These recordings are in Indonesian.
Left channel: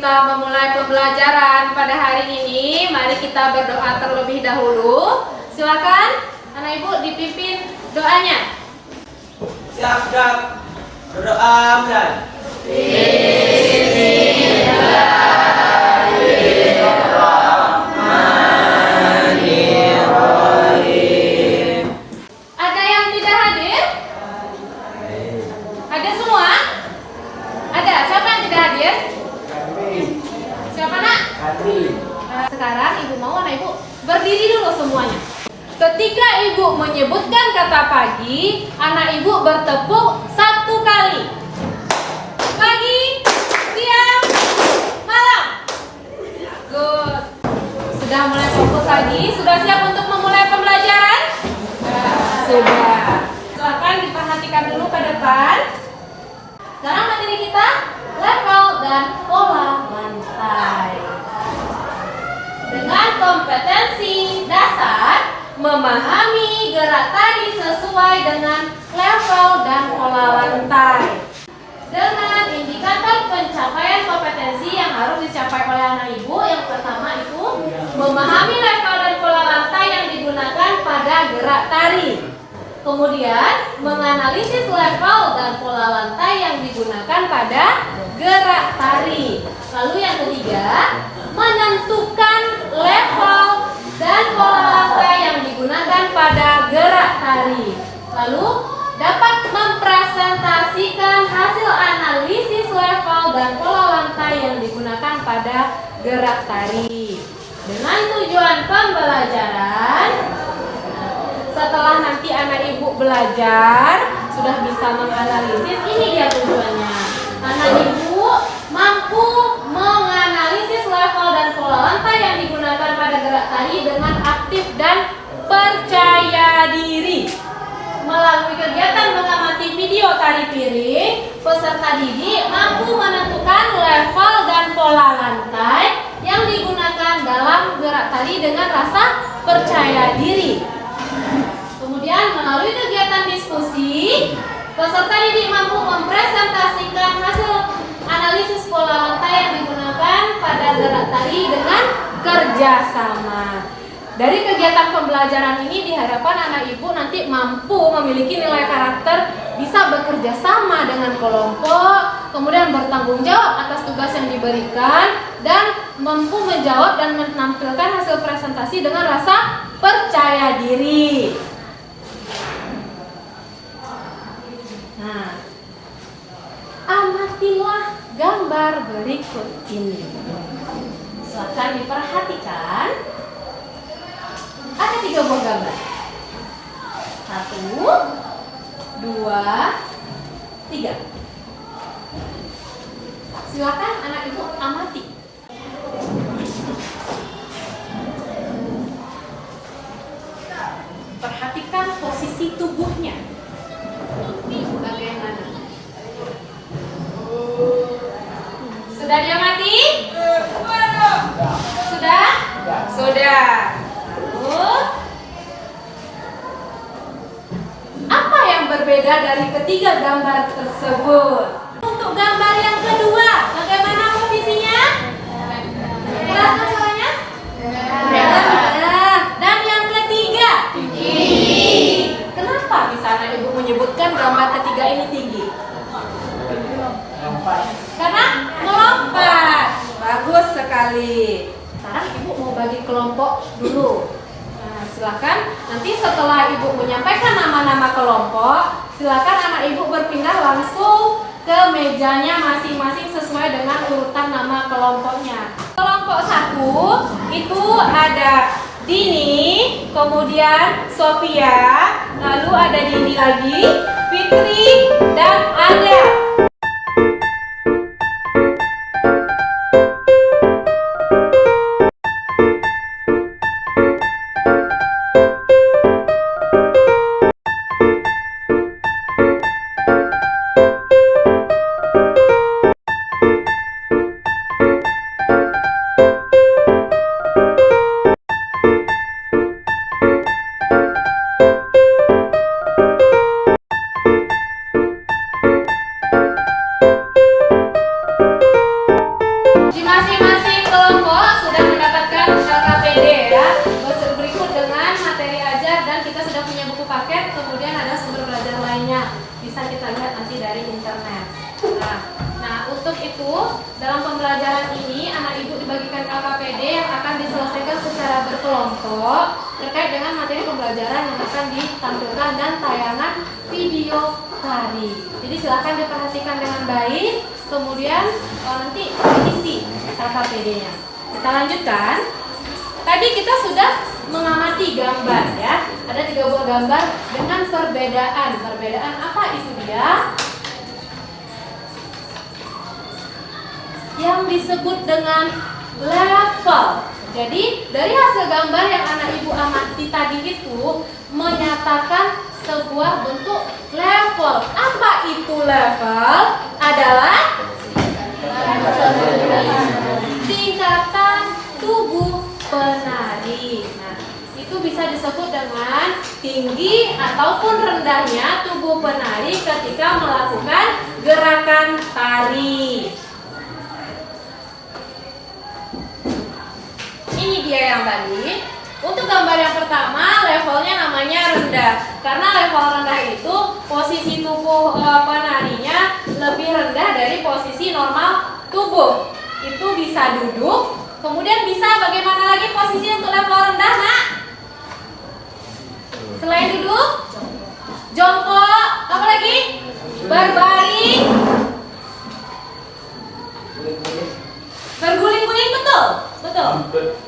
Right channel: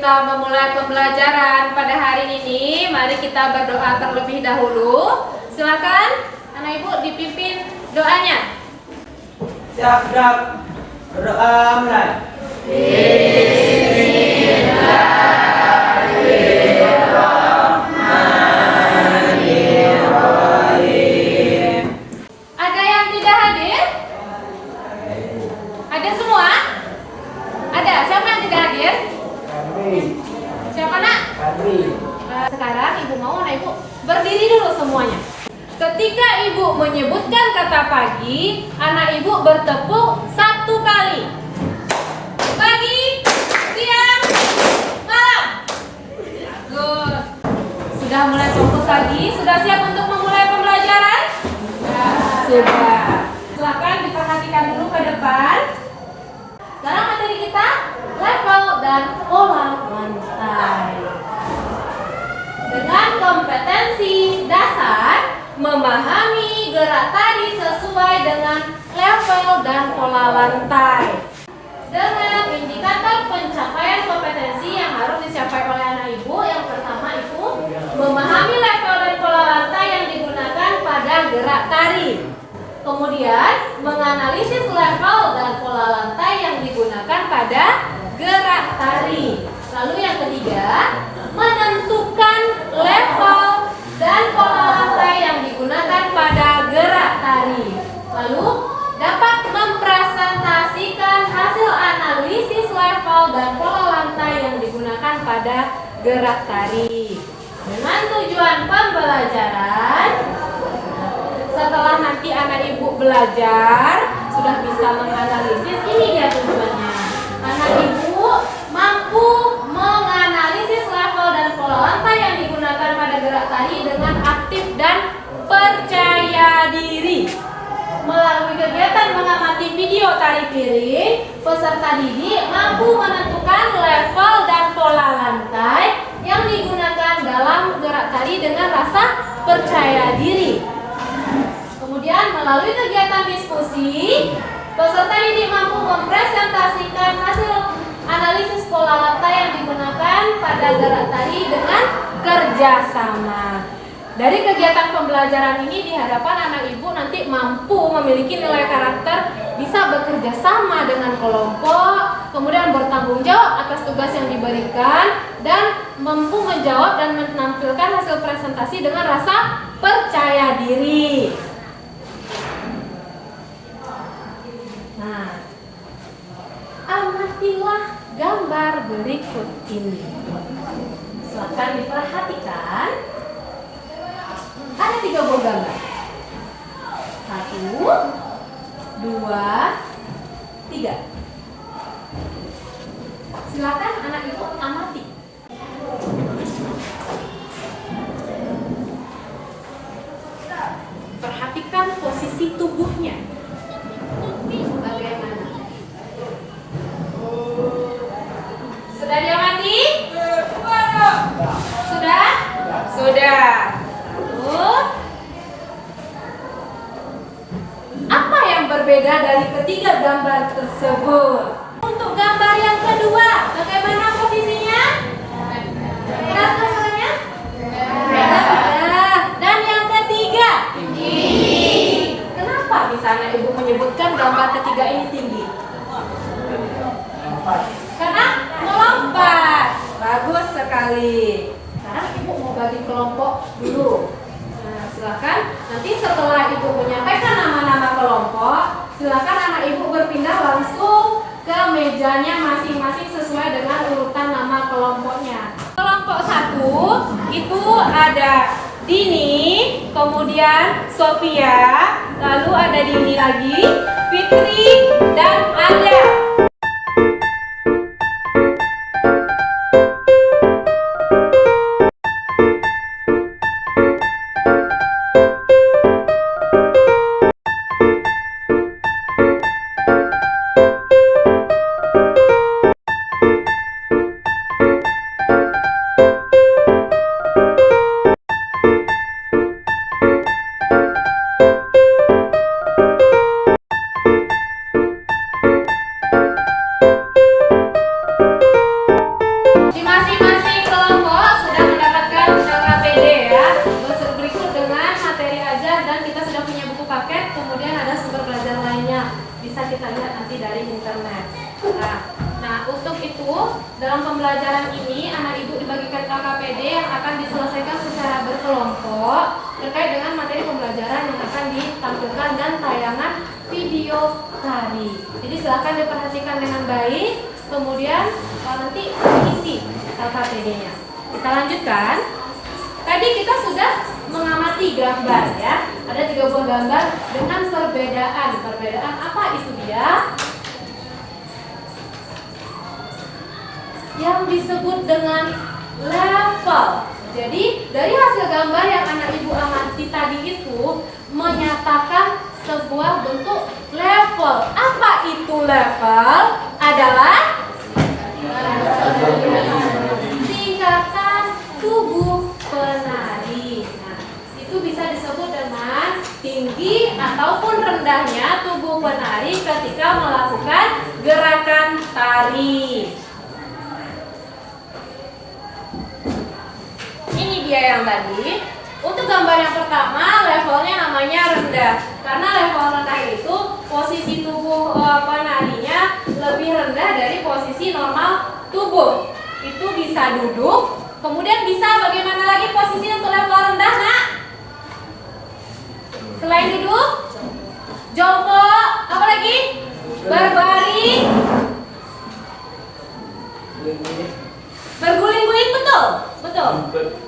kita memulai pembelajaran pada hari ini, mari kita berdoa terlebih dahulu. Silakan anak ibu dipimpin doanya. Siap, berdoa mulai. Ada yang tidak hadir? Ada semua? Ada. Siapa yang tidak hadir? Siapa nak? Sekarang ibu mau anak ibu berdiri dulu semuanya. Ketika ibu menyebutkan kata pagi, anak ibu bertepuk 1 kali. Pagi, siang, malam. Good. Sudah mulai fokus lagi? Sudah siap untuk memulai pembelajaran? Sudah. Silakan diperhatikan dulu ke depan. Sekarang materi kita level dan pola lantai. Dengan kompetensi dasar, memahami gerak tadi sesuai dengan level dan pola lantai. Dengan indikator pencapaian kompetensi yang harus dicapai oleh anak ibu, yang pertama itu memahami level dan pola lantai yang digunakan pada gerak tari. Kemudian menganalisis level dan pola lantai yang digunakan pada gerak tari. Lalu yang ketiga, menentukan level dan pola lantai yang digunakan pada gerak tari. Lalu dapat mempresentasikan hasil analisis level dan pola lantai yang digunakan pada gerak tari. Dengan tujuan pembelajaran, setelah nanti anak ibu belajar, sudah bisa menganalisis, ini dia tujuannya. Anak ibu mampu menganalisis level dan pola lantai yang digunakan pada gerak tari dengan aktif dan percaya diri. Melalui kegiatan mengamati video tari piring, peserta didik mampu menentukan level dan pola lantai yang digunakan dalam gerak tari dengan rasa percaya diri. Kemudian melalui kegiatan diskusi, peserta didik mampu mempresentasikan hasil analisis pola lantai yang digunakan pada gerak tari dengan kerjasama. Dari kegiatan pembelajaran ini diharapkan anak ibu nanti mampu memiliki nilai karakter, bisa bekerja sama dengan kelompok, kemudian bertanggung jawab atas tugas yang diberikan, dan mampu menjawab dan menampilkan hasil presentasi dengan rasa percaya diri. Nah, amatilah gambar berikut ini. Silakan diperhatikan. Ada 3 buah gambar. 1, 2, 3. Silakan anak ibu amati. Perhatikan posisi tubuhnya. Bagaimana? Sudah diamati? Sudah? Sudah. Lalu, apa yang berbeda dari ketiga gambar tersebut? Untuk gambar yang kedua, bagaimana posisinya? Keras suaranya? Dan yang ketiga? Tinggi. Kenapa di sana ibu menyebutkan gambar ketiga ini tinggi? Karena melompat. Bagus sekali. Sekarang ibu mau bagi kelompok dulu. Nah, silakan nanti setelah ibu menyampaikan nama-nama kelompok, silakan anak ibu berpindah langsung ke mejanya masing-masing sesuai dengan urutan nama kelompoknya. Kelompok 1 itu ada Dini, kemudian Sofia, lalu ada Dini lagi, Fitri, dan Ada. bisa kita lihat nanti dari internet. Nah, untuk itu dalam pembelajaran ini anak ibu dibagikan LKPD yang akan diselesaikan secara berkelompok terkait dengan materi pembelajaran yang akan ditampilkan dan tayangan video tari. Jadi silahkan diperhatikan dengan baik, kemudian nanti diisi LKPD-nya. Kita lanjutkan. Tadi kita sudah mengamati gambar ya. Ada 3 buah gambar dengan perbedaan. Perbedaan apa itu dia? Yang disebut dengan level. Jadi dari hasil gambar yang anak ibu amati tadi itu menyatakan sebuah bentuk level. Apa itu level? Adalah tingkatan tubuh penari. Nah, itu bisa disebut dengan tinggi ataupun rendahnya tubuh penari ketika melakukan gerakan tari. Ini dia yang tadi. Untuk gambar yang pertama, levelnya namanya rendah. Karena level rendah itu posisi tubuh penarinya lebih rendah dari posisi normal tubuh. Itu bisa duduk, kemudian bisa bagaimana lagi posisi untuk level rendah, Nak? Selain duduk, jongkok, apa lagi? Berbaring, berguling-guling, betul? Betul.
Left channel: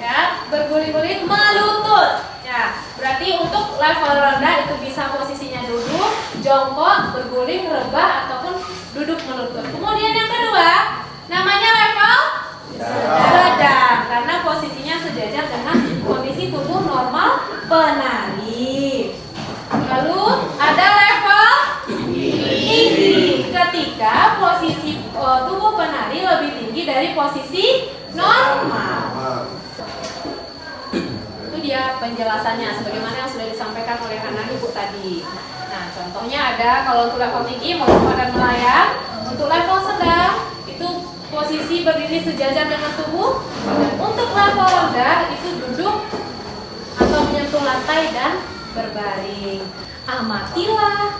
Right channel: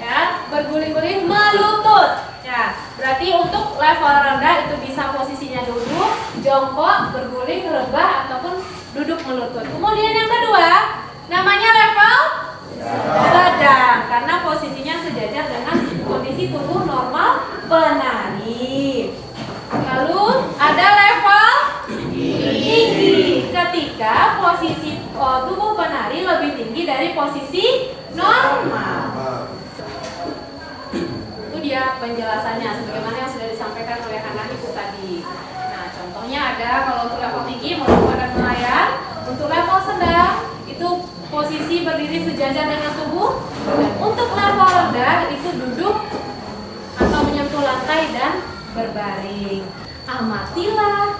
Ya, berguling-guling, melutut. Ya, berarti untuk level rendah itu bisa posisinya duduk, jongkok, berguling, rebah ataupun duduk melutut. Kemudian yang kedua, namanya level sedang karena posisinya sejajar dengan kondisi tubuh normal penari. Lalu ada level tinggi ketika posisi tubuh penari lebih tinggi dari posisi normal. Itu dia penjelasannya sebagaimana yang sudah disampaikan oleh anak ibu tadi. Nah, contohnya ada kalau untuk level tinggi melompat dan melayang. Untuk level sedang itu posisi berdiri sejajar dengan tubuh. Dan untuk level rendah itu duduk atau menyentuh lantai dan berbaring. Amatilah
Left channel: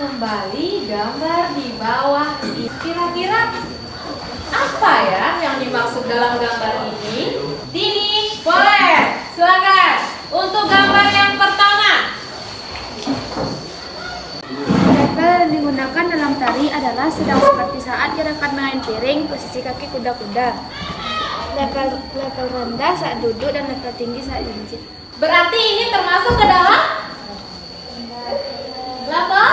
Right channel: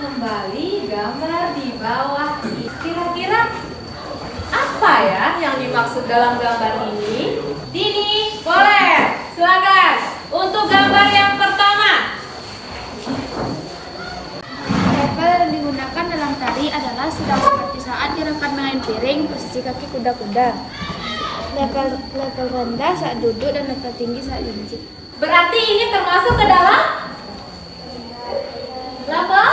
kembali gambar di bawah. Kira-kira apa ya yang dimaksud dalam gambar ini? Dini, boleh, silakan. Untuk gambar yang pertama. Level yang digunakan dalam tari adalah sedang seperti saat gerakan main piring, posisi kaki kuda-kuda. Level rendah saat duduk dan level tinggi saat jinjit. Berarti ini termasuk ke dalam level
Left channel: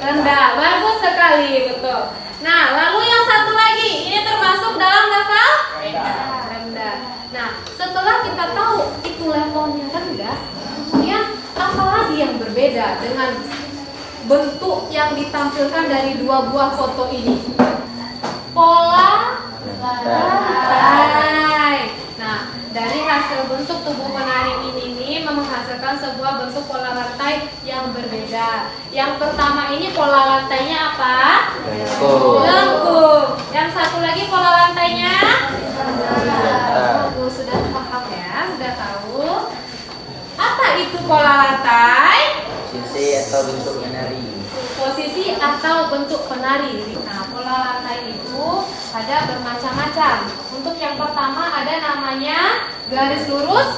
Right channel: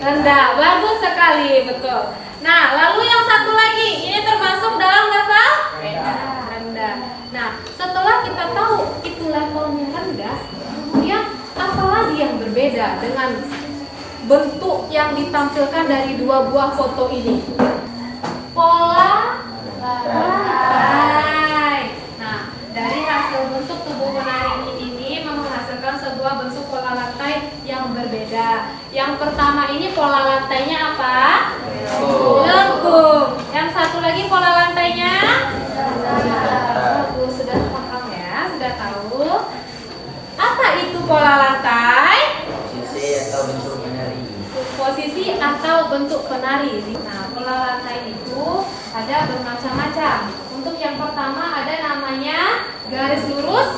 rendah. Bagus sekali, betul. Nah, lalu yang satu lagi, ini termasuk dalam level rendah. Nah, setelah kita tahu itu levelnya rendah, kemudian apa lagi yang berbeda dengan bentuk yang ditampilkan dari 2 buah foto ini? Pola lantai. Nah, dari hasil bentuk tubuh penari ini menghasilkan sebuah bentuk pola lantai yang berbeda. Yang pertama ini pola lantainya apa? Lengkung. Yang satu lagi pola lantainya? Bagus, sudah paham ya, sudah tahu. Apa itu pola lantai? Posisi atau bentuk penari. Nah, pola lantai itu ada bermacam-macam. Untuk yang pertama ada namanya garis lurus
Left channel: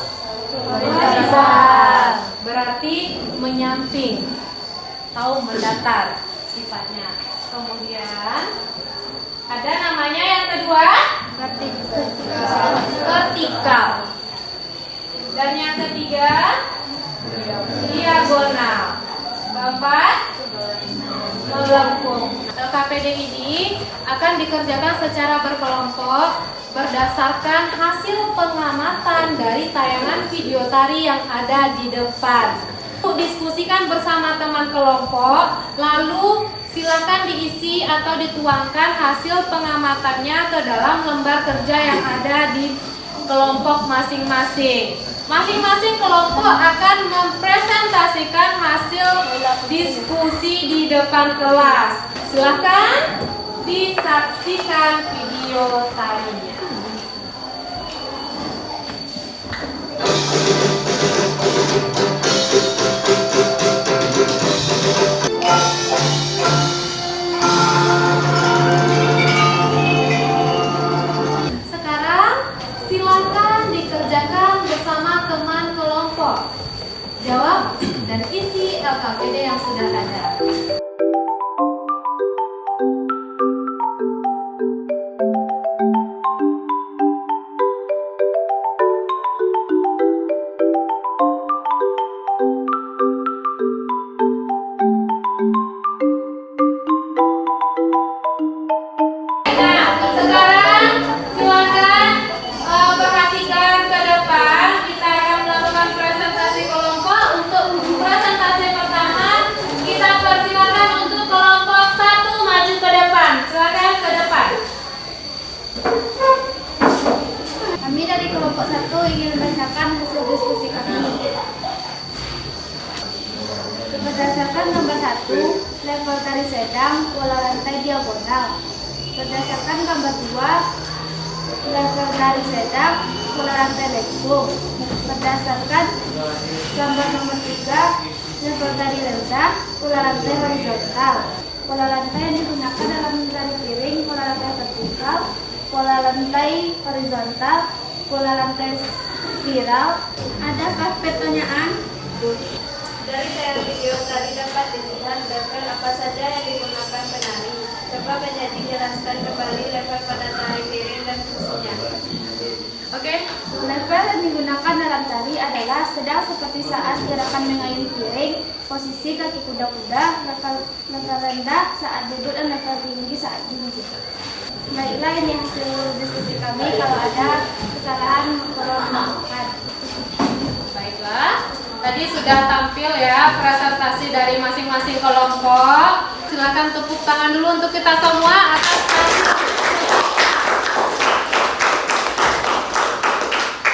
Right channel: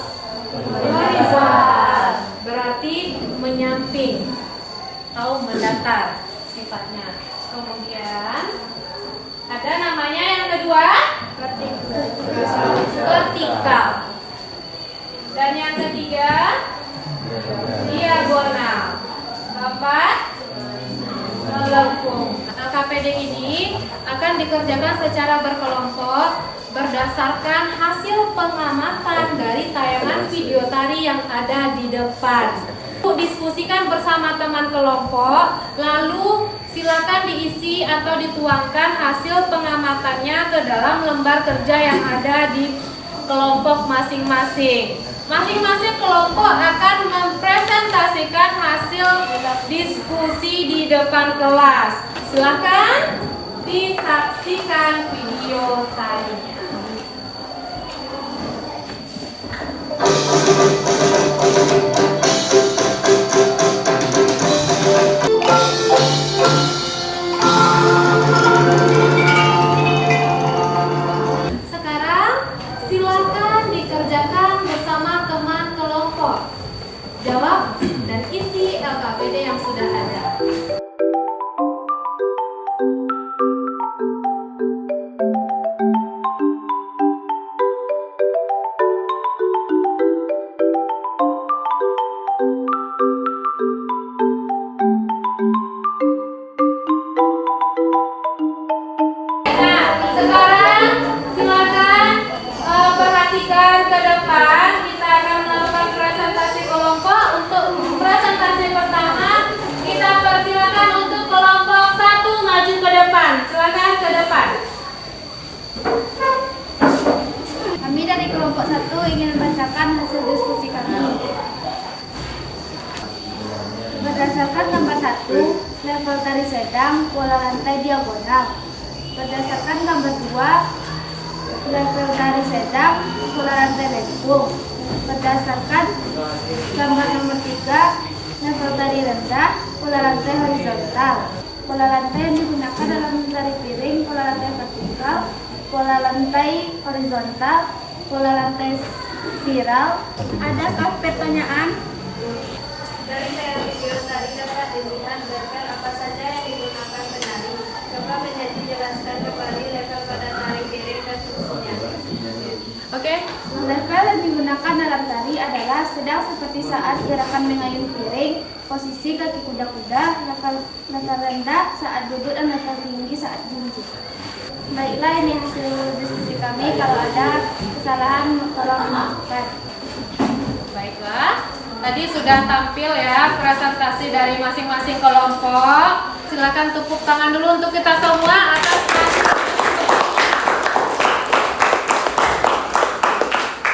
horizontal, berarti menyamping atau mendatar sifatnya. Kemudian ada namanya yang kedua vertikal, dan yang ketiga diagonal. Keempat melengkung. LKPD ini akan dikerjakan secara berkelompok berdasarkan hasil pengamatan dari tayangan video tari yang ada di depan. Diskusikan bersama teman kelompok, lalu silakan diisi atau dituangkan hasil pengamatannya ke dalam lembar kerja yang ada di kelompok masing-masing. Masing-masing kelompok akan mempresentasikan hasil diskusi di depan kelas. Silakan disaksikan video tarinya. sekarang silakan perhatikan ke depan. Kita akan melakukan presentasi kelompok. Untuk presentasi pertama, kita persilakan untuk kelompok 1 maju ke depan. Silakan ke depan. Kami dari kelompok 1 ingin membacakan hasil diskusi kami. Berdasarkan gambar 1, level tari sedang, pola rantai diagonal. Berdasarkan gambar 2, level tari sedang, pola rantai lengkung. Berdasarkan gambar nomor 3, level tari rendah, pola rantai horizontal. Pola rantai yang digunakan dalam tari piring, pola rantai vertikal, pola rantai horizontal, pola rantai spiral. Adakah pertanyaan? Dari serial video tadi dapat dilihat level apa saja yang digunakan penari. Coba menjadi jelaskan kembali level pada tari piring dan fungsinya. Oke. Level yang digunakan dalam tari adalah sedang seperti saat gerakan mengayun piring, posisi kaki kuda-kuda, level rendah saat duduk dan level tinggi saat jinjit. Baiklah, ini hasil diskusi kami. Kalau ada kesalahan tolong dimaafkan. Baiklah. Tadi sudah tampil ya presentasi dari masing-masing kelompok. Silakan tepuk tangan dulu untuk kita semua atas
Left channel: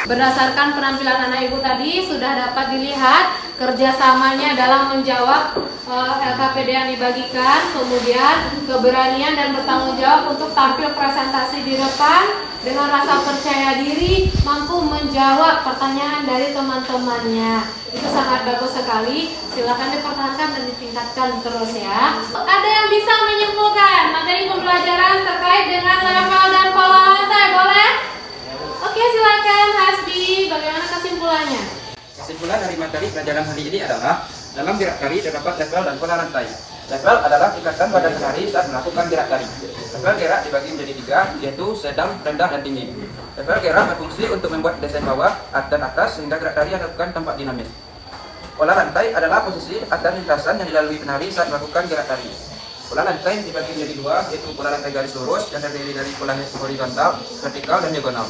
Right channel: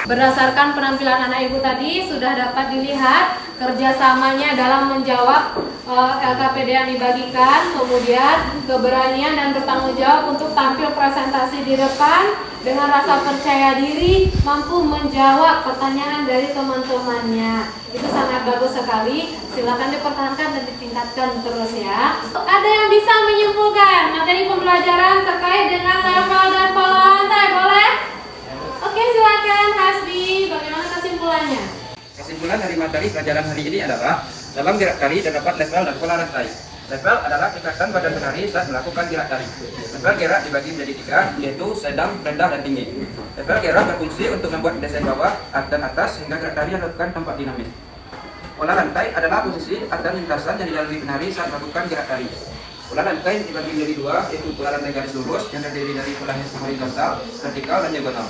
berdasarkan penampilan anak ibu tadi sudah dapat dilihat kerjasamanya dalam menjawab LKPD yang dibagikan, kemudian keberanian dan bertanggung jawab untuk tampil presentasi di depan dengan rasa percaya diri, mampu menjawab pertanyaan dari teman-temannya. Itu sangat bagus sekali. Silakan dipertahankan dan ditingkatkan terus ya. Ada yang bisa menyimpulkan materi pembelajaran terkait dengan level dan pola lantai, boleh? Oke, silakan Hasbi. Bagaimana kesimpulannya? Kesimpulan dari materi pelajaran hari ini adalah dalam gerak tari terdapat level dan pola rantai. Level adalah tingkatan badan penari saat melakukan gerak tari. Level gerak dibagi menjadi 3, yaitu sedang, rendah, dan tinggi. Level gerak berfungsi untuk membuat desain bawah dan atas sehingga gerak tari dilakukan tampak dinamis. Pola rantai adalah posisi atau lintasan yang dilalui penari saat melakukan gerak tari. Pola rantai dibagi menjadi 2, yaitu pola rantai garis lurus yang terdiri dari pola horizontal, vertikal, dan diagonal,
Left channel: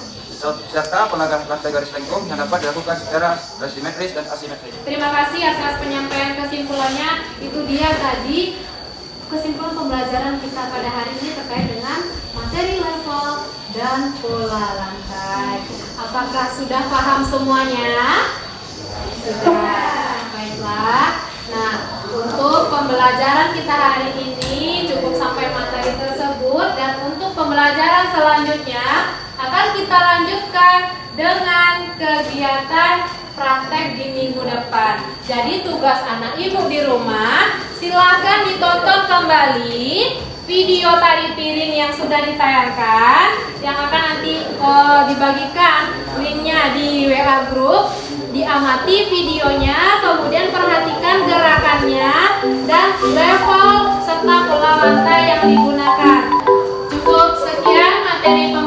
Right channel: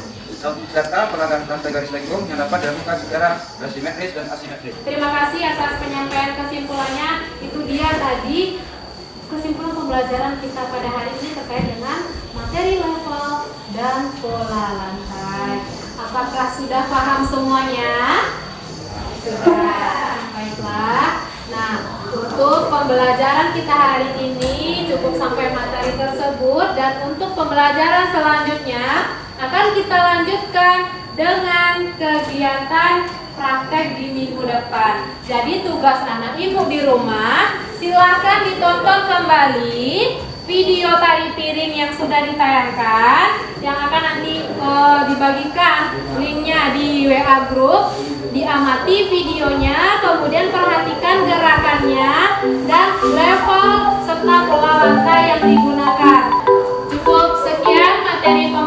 serta pola rantai garis lengkung yang dapat dilakukan secara simetris dan asimetris. Terima kasih atas penyampaian kesimpulannya. Itu dia tadi kesimpulan pembelajaran kita pada hari ini terkait dengan materi level dan pola lantai. Apakah sudah paham semuanya? Sudah. Baiklah. Nah, untuk pembelajaran kita hari ini cukup sampai materi tersebut, dan untuk pembelajaran selanjutnya akan kita lanjutkan dengan kegiatan praktek di minggu depan. Jadi tugas anak ibu di rumah, silakan ditonton kembali video tari piring yang sudah ditayangkan, yang akan nanti dibagikan linknya di WA group. Diamati videonya, kemudian perhatikan gerakannya dan level serta pola lantai yang digunakan. Cukup sekian materi pembelajaran